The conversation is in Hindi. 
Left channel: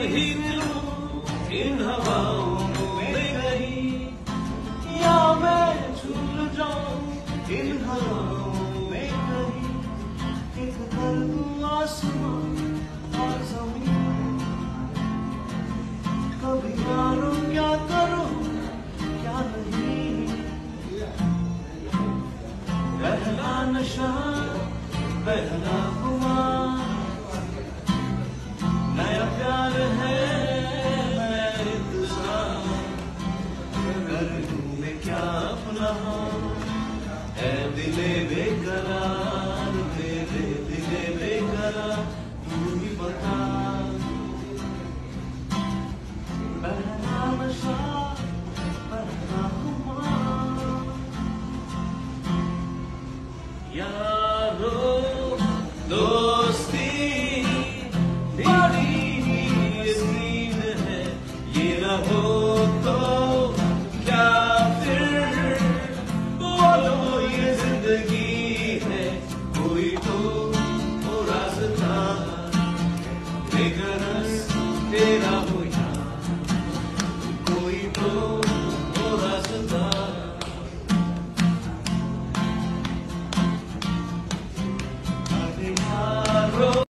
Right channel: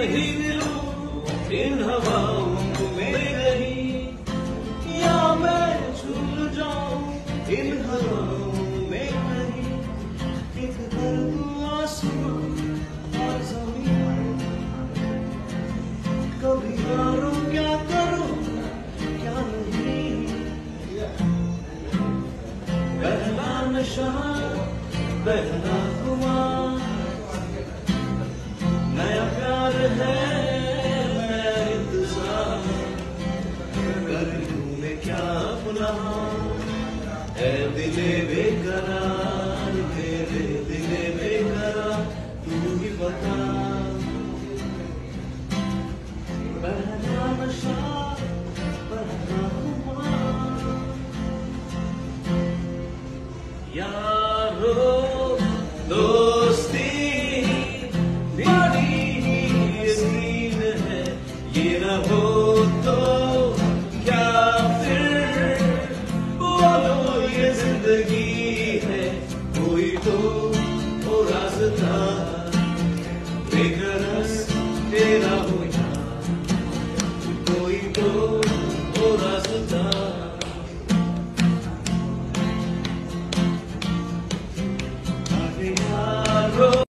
ही मिलूं इन हवाओं में कहीं, या मैं झूल जाऊं इन हवाओं में कहीं, एक दर्द आंसू